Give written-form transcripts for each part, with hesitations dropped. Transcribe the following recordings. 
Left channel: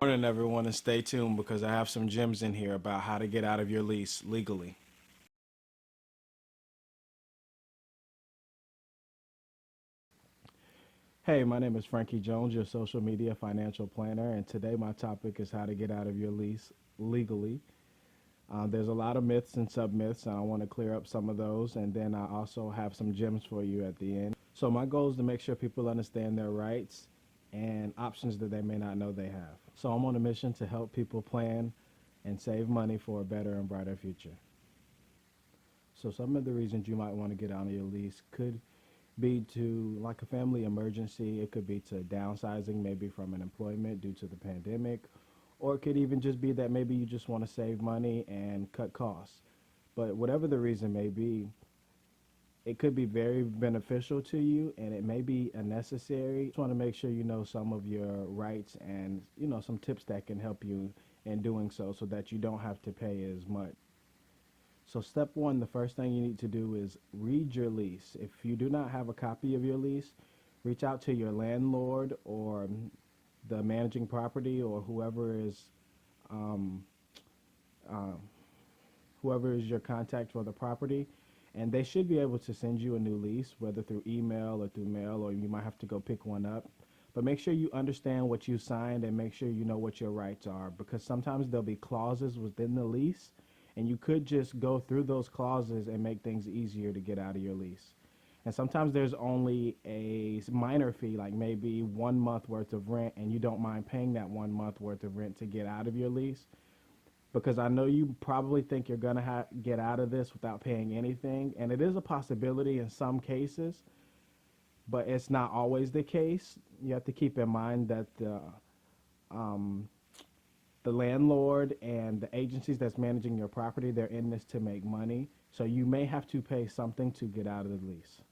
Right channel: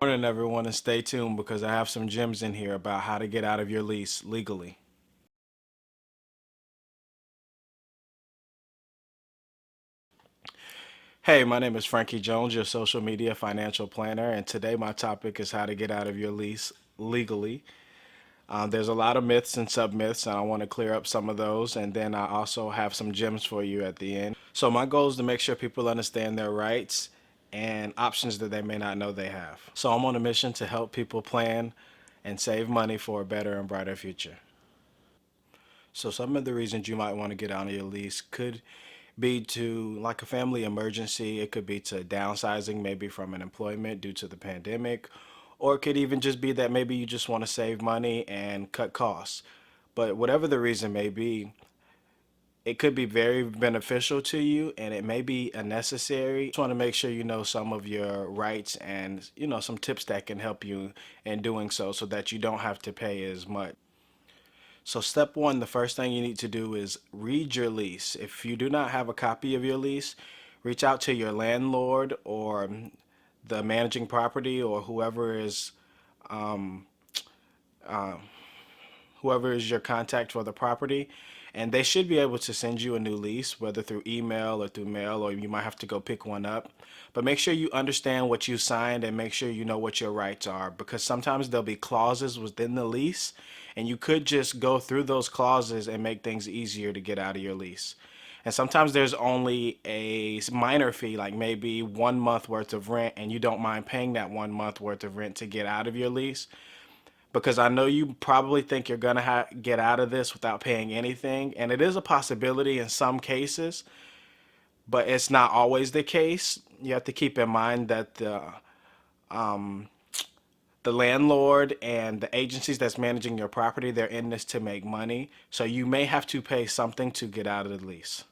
Morning, everyone, and stay tuned because I have some gems in here about how to get out of your lease legally. Hey, my name is Frankie Jones, your social media financial planner, and today my topic is how to get out of your lease legally. There's a lot of myths and sub myths, and I want to clear up some of those, and then I also have some gems for you at the end. So, my goal is to make sure people understand their rights and options that they may not know they have. So, I'm on a mission to help people plan and save money for a better and brighter future. So some of the reasons you might want to get out of your lease could be to like a family emergency. It could be to downsizing, maybe from an employment due to the pandemic, or it could even just be that maybe you just want to save money and cut costs. But whatever the reason may be, it could be very beneficial to you and it may be unnecessary. Just want to make sure you know some of your rights and some tips that can help you in doing so that you don't have to pay as much. So step one, the first thing you need to do is read your lease. If you do not have a copy of your lease, reach out to your landlord or the managing property or um, uh, whoever is your contact for the property, and they should be able to send you a new lease, whether through email or through mail, or you might have to go pick one up. But make sure you understand what you signed and make sure you know what your rights are, because sometimes there'll be clauses within the lease, and you could just go through those clauses and make things easier to get out of your lease. And sometimes there's only a minor fee, like maybe 1 month worth of rent, and you don't mind paying that 1 month worth of rent to get out of your lease, because I know you probably think you're gonna get out of this without paying anything, and it is a possibility in some cases, but it's not always the case. You have to keep in mind that um, the landlord and the agencies that's managing your property, they're in this to make money, so you may have to pay something to get out of the lease.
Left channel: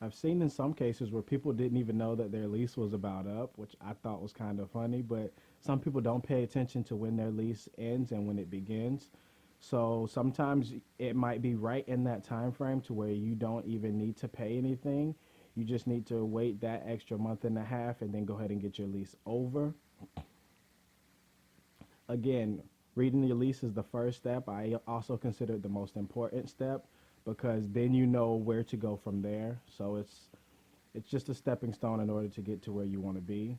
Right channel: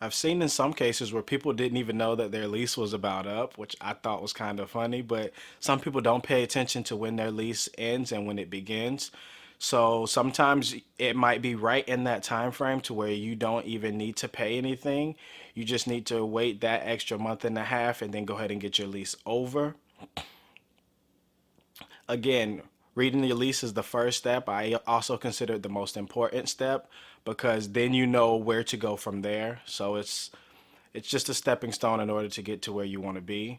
I've seen in some cases where people didn't even know that their lease was about up, which I thought was kind of funny, but some people don't pay attention to when their lease ends and when it begins. So sometimes it might be right in that time frame to where you don't even need to pay anything. You just need to wait that extra month and a half and then go ahead and get your lease over. Again, reading your lease is the first step. I also consider it the most important step because then you know where to go from there. So it's just a stepping stone in order to get to where you want to be.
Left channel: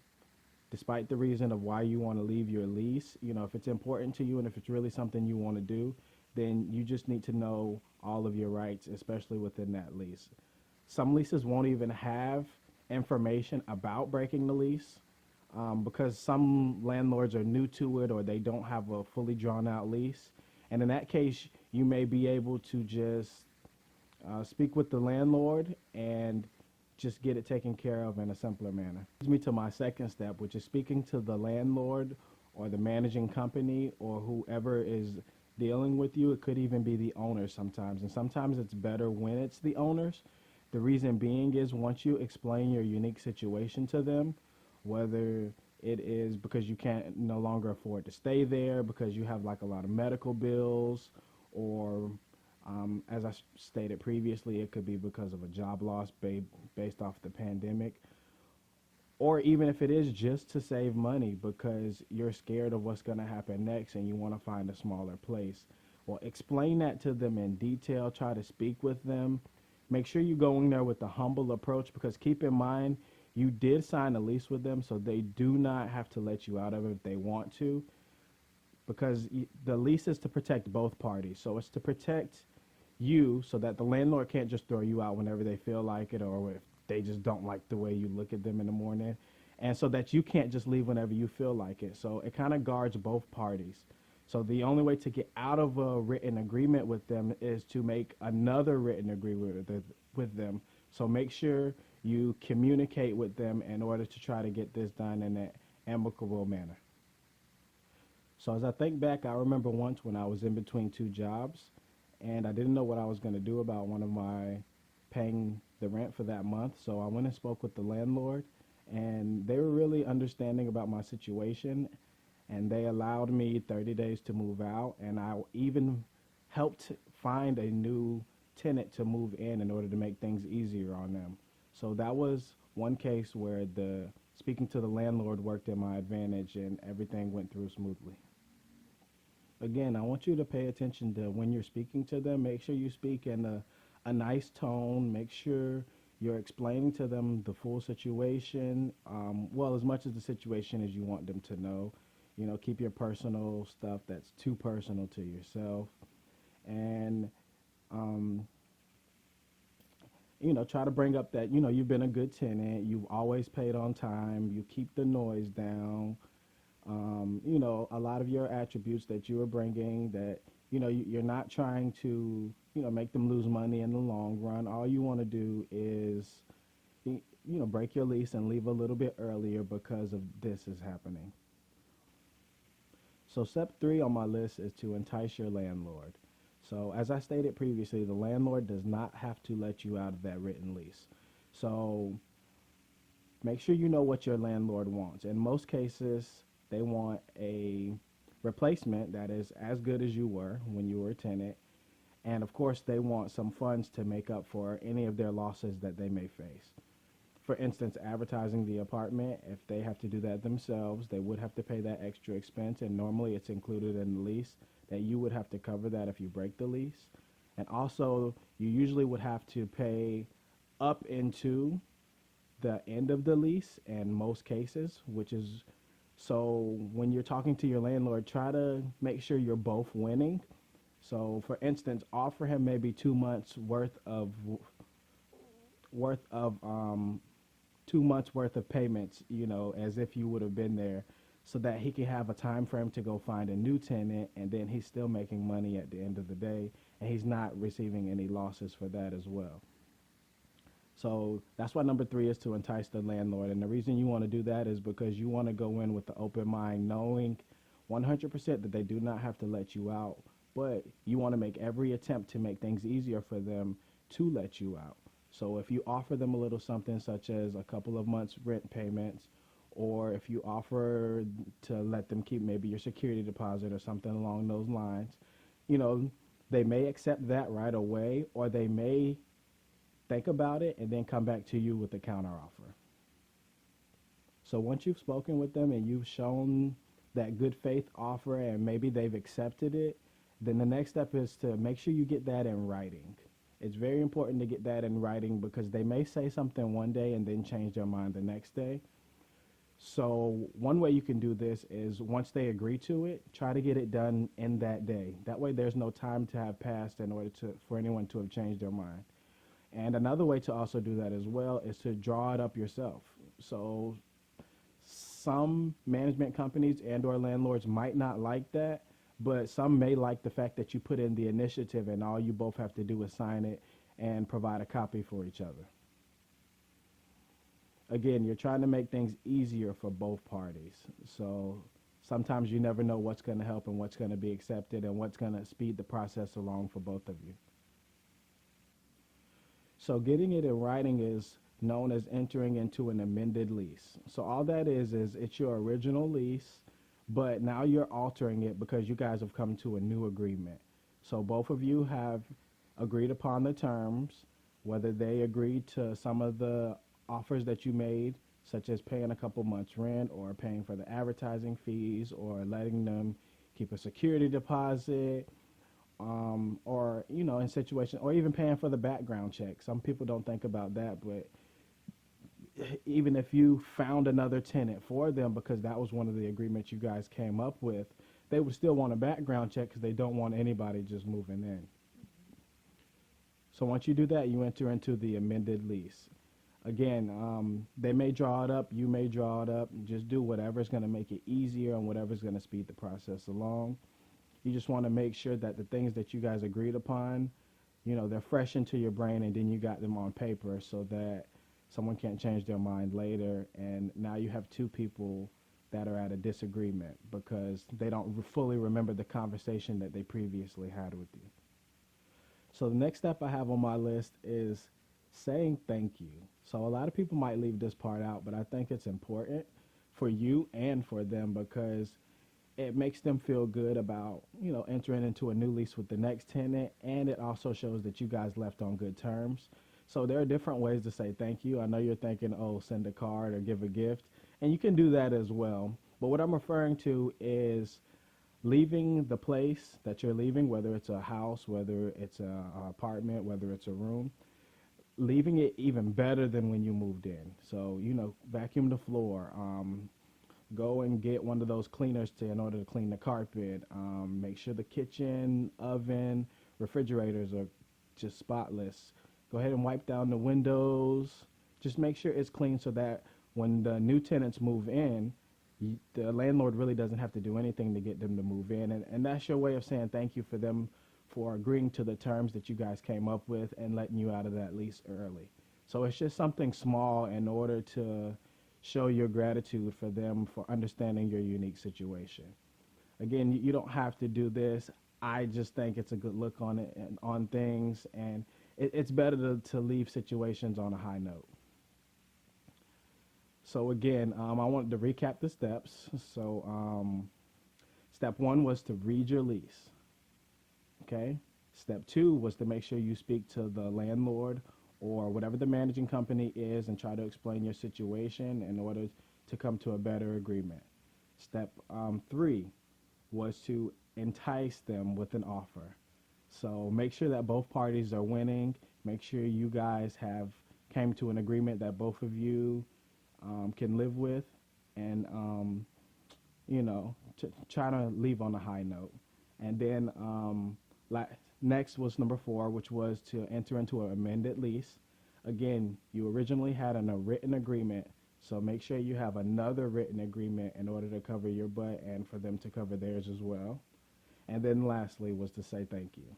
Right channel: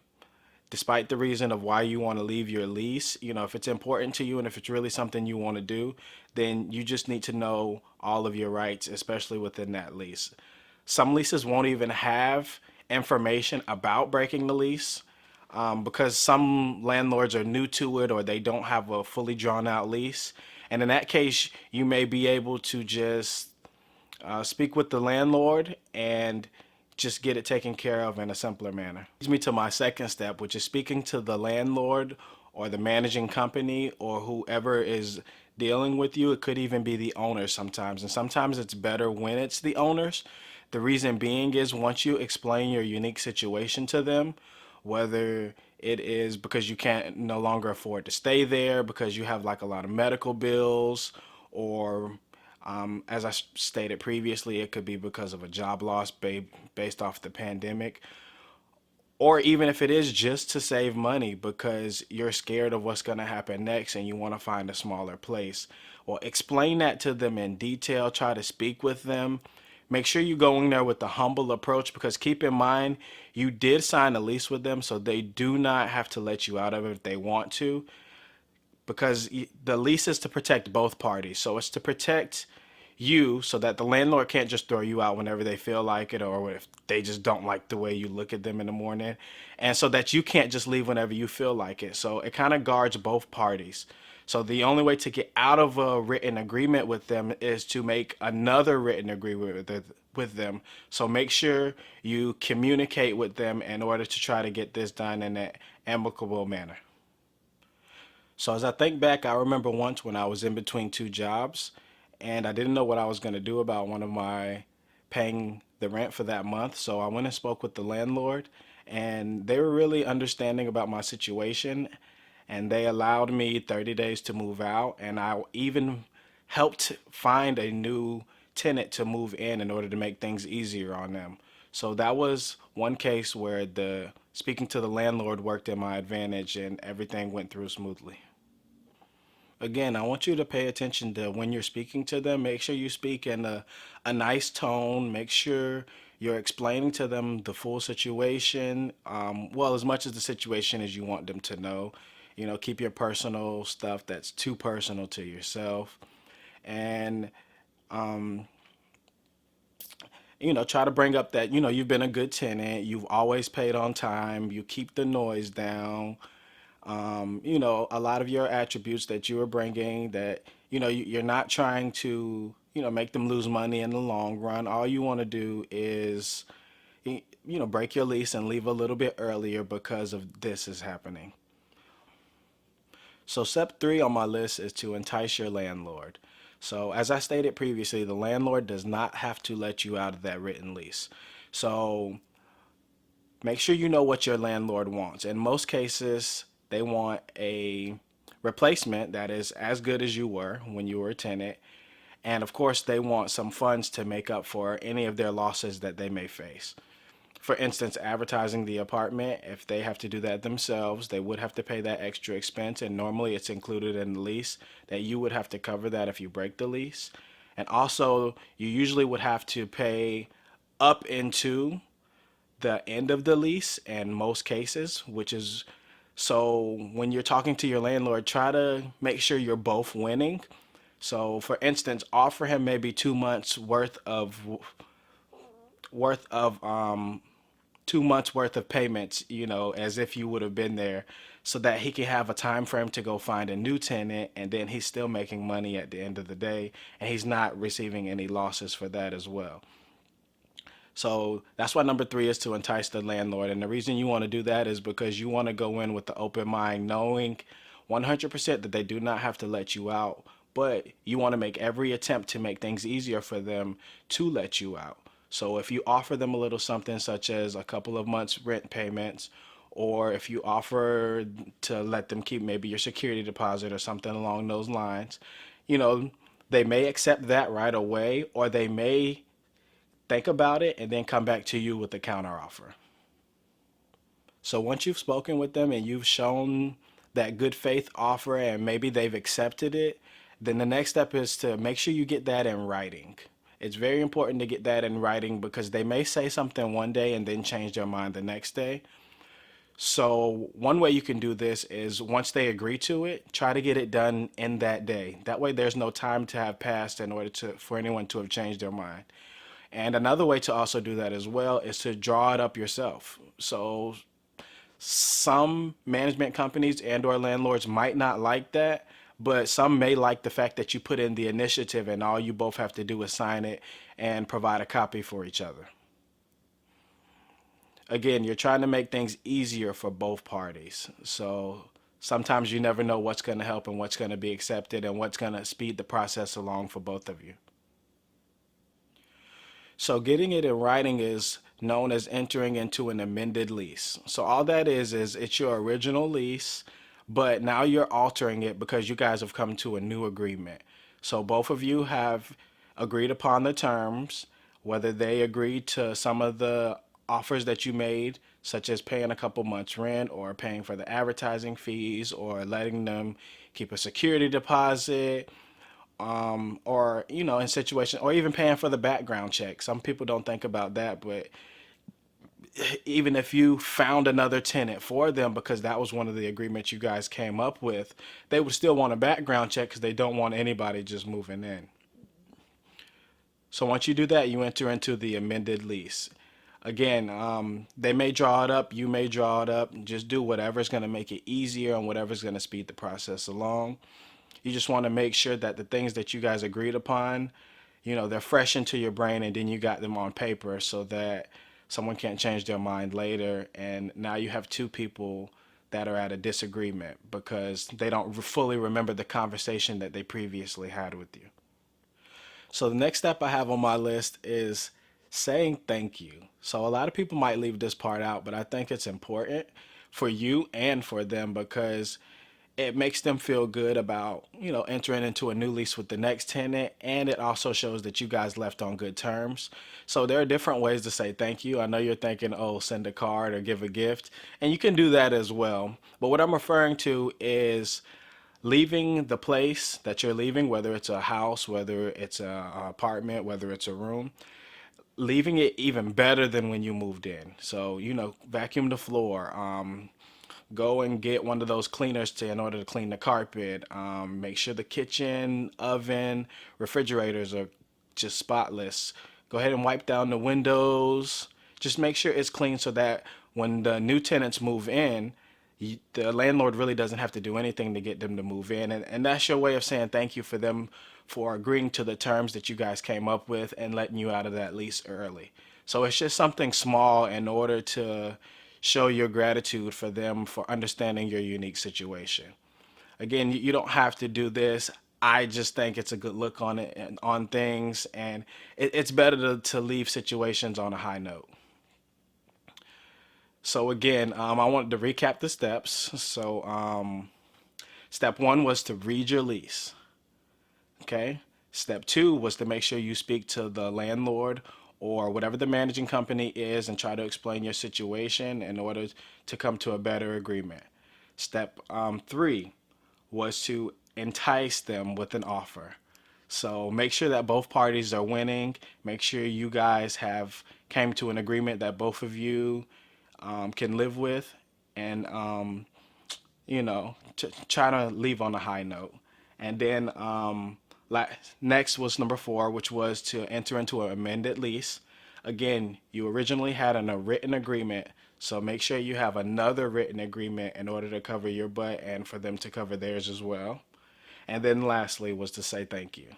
Despite the reason of why you want to leave your lease, if it's important to you and if it's really something you want to do, then you just need to know all of your rights, especially within that lease. Some leases won't even have information about breaking the lease, because some landlords are new to it or they don't have a fully drawn out lease. And in that case, you may be able to just speak with the landlord and just get it taken care of in a simpler manner. Leads me to my second step, which is speaking to the landlord or the managing company or whoever is dealing with you. It could even be the owners sometimes, and sometimes it's better when it's the owners. The reason being is once you explain your unique situation to them, whether it is because you can't no longer afford to stay there because you have like a lot of medical bills, or as I stated previously, it could be because of a job loss based off the pandemic, or even if it is just to save money because you're scared of what's going to happen next and you want to find a smaller place. Well, explain that to them in detail. Try to speak with them. Make sure you go in there with a humble approach, because keep in mind, you did sign a lease with them, so they do not have to let you out of it if they want to, because the lease is to protect both parties. So it's to protect you so that the landlord can't just throw you out whenever they feel like it, or if they just don't like the way you look at them in the morning, and so that you can't just leave whenever you feel like it. So it kind of guards both parties. So the only way to get out of a written agreement with them is to make another written agreement with them. So make sure you communicate with them in order to try to get this done in an amicable manner. So as I think back, I remember once when I was in between two jobs and I didn't know what I was going to do about one of my paying the rent for that month. So I went and spoke with the landlord, and they were really understanding about my situation, and they allowed me 30 days to move out, and I even helped find a new tenant to move in order to make things easier on them. So that was one case where the speaking to the landlord worked in my advantage and everything went through smoothly. Again, I want you to pay attention to when you're speaking to them. Make sure you speak in a nice tone. Make sure you're explaining to them the full situation. Well, as much as the situation as you want them to know. You know, keep your personal stuff that's too personal to yourself. And, you know, try to bring up that, you know, you've been a good tenant. You've always paid on time. You keep the noise down. You know, a lot of your attributes that you are bringing that, you know, you're not trying to, you know, make them lose money in the long run. All you want to do is, you know, break your lease and leave a little bit earlier because of this is happening. So step three on my list is to entice your landlord. So as I stated previously, the landlord does not have to let you out of that written lease. So make sure you know what your landlord wants. In most cases, they want a replacement that is as good as you were when you were a tenant. And of course, they want some funds to make up for any of their losses that they may face. For instance, advertising the apartment, if they have to do that themselves, they would have to pay that extra expense. And normally it's included in the lease that you would have to cover that if you break the lease. And also, you usually would have to pay up into the end of the lease in most cases, which is so when you're talking to your landlord, try to make sure you're both winning. So, for instance, offer him maybe 2 months worth of 2 months worth of payments, you know, as if you would have been there, so that he can have a time frame to go find a new tenant, and then he's still making money at the end of the day, and he's not receiving any losses for that as well. So that's why number three is to entice the landlord. And the reason you want to do that is because you want to go in with the open mind, knowing 100% that they do not have to let you out, but you want to make every attempt to make things easier for them to let you out. So if you offer them a little something, such as a couple of months rent payments, or if you offer to let them keep maybe your security deposit or something along those lines, you know, they may accept that right away, or they may think about it and then come back to you with a counter offer. So once you've spoken with them and you've shown that good faith offer and maybe they've accepted it, then the next step is to make sure you get that in writing. It's very important to get that in writing because they may say something one day and then change their mind the next day. So one way you can do this is once they agree to it, try to get it done in that day. That way there's no time to have passed in order to for anyone to have changed their mind. And another way to also do that as well is to draw it up yourself. So some management companies and or landlords might not like that, but some may like the fact that you put in the initiative and all you both have to do is sign it and provide a copy for each other. Again, you're trying to make things easier for both parties. So sometimes you never know what's going to help and what's going to be accepted and what's going to speed the process along for both of you. So getting it in writing is known as entering into an amended lease. So all that is it's your original lease, but now you're altering it because you guys have come to a new agreement. So both of you have agreed upon the terms, whether they agreed to some of the offers that you made, such as paying a couple months rent or paying for the advertising fees or letting them keep a security deposit, or you know, in situation, or even paying for the background check. Some people don't think about that, but even if you found another tenant for them because that was one of the agreements you guys came up with, they would still want a background check because they don't want anybody just moving in. So once you do that, you enter into the amended lease. Again, they may draw it up, you may draw it up. Just do whatever's going to make it easier and whatever's going to speed the process along. You just want to make sure that the things that you guys agreed upon, you know, they're fresh into your brain and then you got them on paper so that someone can't change their mind later. And now you have two people that are at a disagreement because they don't fully remember the conversation that they previously had with you. So the next step I have on my list is saying thank you. So a lot of people might leave this part out, but I think it's important for you and for them because It makes them feel good about, entering into a new lease with the next tenant, and it also shows that you guys left on good terms. So there are different ways to say thank you. I know you're thinking, oh, send a card or give a gift, and you can do that as well. But what I'm referring to is leaving the place that you're leaving, whether it's a house, whether it's a apartment, whether it's a room, leaving it even better than when you moved in. So, vacuum the floor, go and get one of those cleaners in order to clean the carpet. Make sure the kitchen, oven, refrigerators are just spotless. Go ahead and wipe down the windows. Just make sure it's clean so that when the new tenants move in, the landlord really doesn't have to do anything to get them to move in. And that's your way of saying thank you for them for agreeing to the terms that you guys came up with and letting you out of that lease early. So it's just something small in order to show your gratitude for them for understanding your unique situation. Again, you don't have to do this. I just think it's a good look on it and on things, and it's better to leave situations on a high note. So again, I wanted to recap the steps. So step one was to read your lease. Okay. Step two was to make sure you speak to the landlord or whatever the managing company is and try to explain your situation in order to come to a better agreement. Step three was to entice them with an offer. So make sure that both parties are winning. Make sure you guys have came to an agreement that both of you can live with, and try to leave on a high note. And then next was number four, which was to enter into an amended lease. Again, you originally had a written agreement, so make sure you have another written agreement in order to cover your butt and for them to cover theirs as well. And then lastly was to say thank you.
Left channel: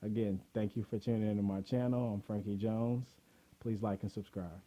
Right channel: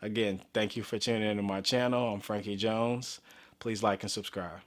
Again, thank you for tuning into my channel. I'm Frankie Jones. Please like and subscribe.